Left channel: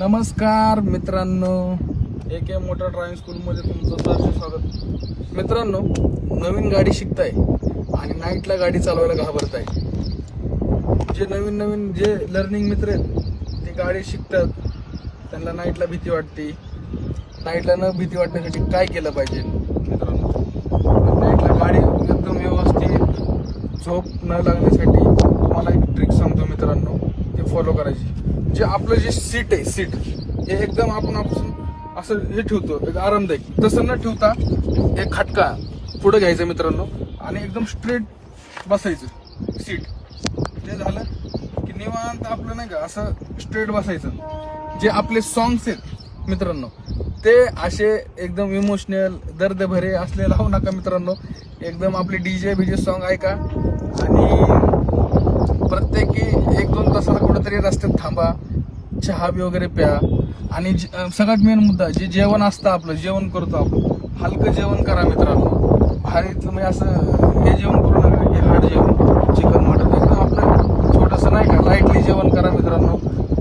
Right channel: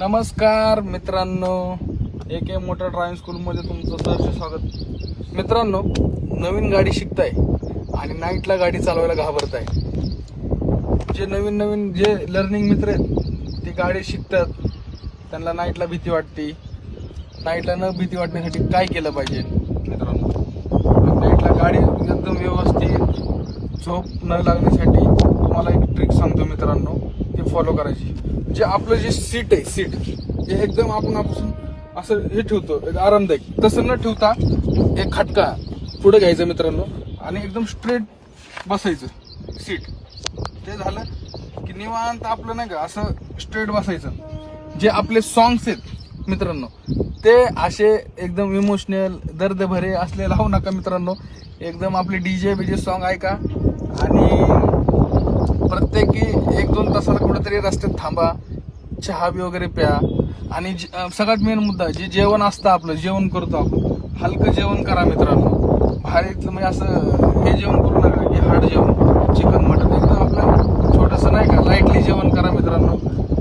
नमस्कार मित्रांनो, AK motor driving स्कूलमध्ये तुमचं सहर्ष स्वागत. मित्रांनो, नवीन गाडी शिकताय आणि नाईटला गाडी चालवायला घाबरताय. जे नवीन जे लर्निंग मित्र आहेत ते गाडी शिकतात, त्यांना नाईटला भीती वाटते. नाईटला न भीती वाटण्यासाठी काय केलं पाहिजे मित्रांनो? नाईटला गाडी एकदम व्यवस्थित झोप न लागण्यासाठी तुम्हाला एक ट्रिक सांगतो मित्रांनो, ते फॉलो करायची. जे आपलं जे सीट आहे, सीट हे एकदम आपण असं हे ठेवतो एक आरामदायक, तसं न ठेवता एक खटका पुढे घ्यायचा मित्रांनो आणि एकदम स्ट्रेट बसायचं सीट. ते झालं की निवांत आपलं नाही का असं स्ट्रेट बसायचं. जे आपले सॉंग्स आहेत मित्रांनो ते असे एकदम इमोशनल दर्द भरे असले लावू नका मित्रांनो. एकदम आपले डीजे सॉंग ऐका आणि प्रत्येकी 1-2 तासाला कुठेतरी रस्त्यात थांबा, चहा वगैरे प्या. आणि सगळ्यात मेन मुद्दा, जे जेवण असतं आपलं, जेवण करतो आपण, हलकं जेवण करा मित्रांनो. भारी तुम्ही असं हे जेवण करू नका की हार्ड जेवण, चिकन मटन, एकदम आपलं छोटंसं नाही का लाईटली जेवण करा मित्रांनो.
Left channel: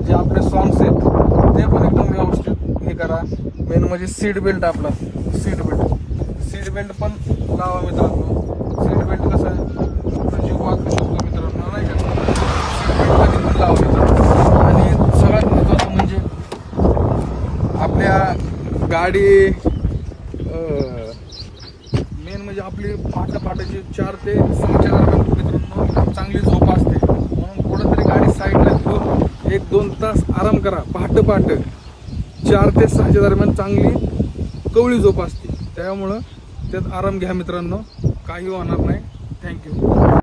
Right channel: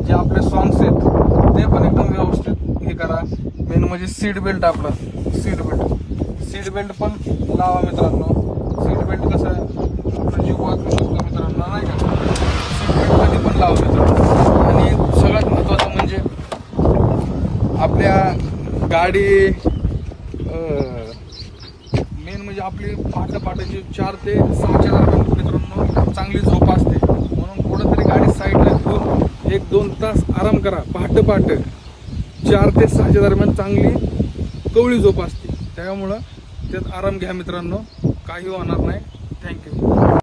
जे आपले सॉंग्स आहेत ते पण एकदम व्यवस्थित हे करा. मेन म्हणजे सीट बेल्ट, आपला सीट बेल्ट पण लावा मित्रांनो. सीट बेल्ट कसं आपला जीव वाचू शकतो मित्रांनो, नाही का? सीट बेल्ट खाली पण लावा मित्रांनो. आणि सगळ्यात महत्वाचं म्हणजे आपल्या गाडी मेन म्हणजे आपली पहाटेची 4 ते 6च्या दरम्यान मित्रांनो चांगली झोप असते. म्हणून कुठेतरी गाडी साईडला घेऊन 1-2 तास आराम करा. पहाटे 4 ते 6च्या दरम्यान चांगली कवळी झोप असते. त्यामुळं त्यात आराम घ्या मित्रांनो, काही होणार नाही. थँक्यू.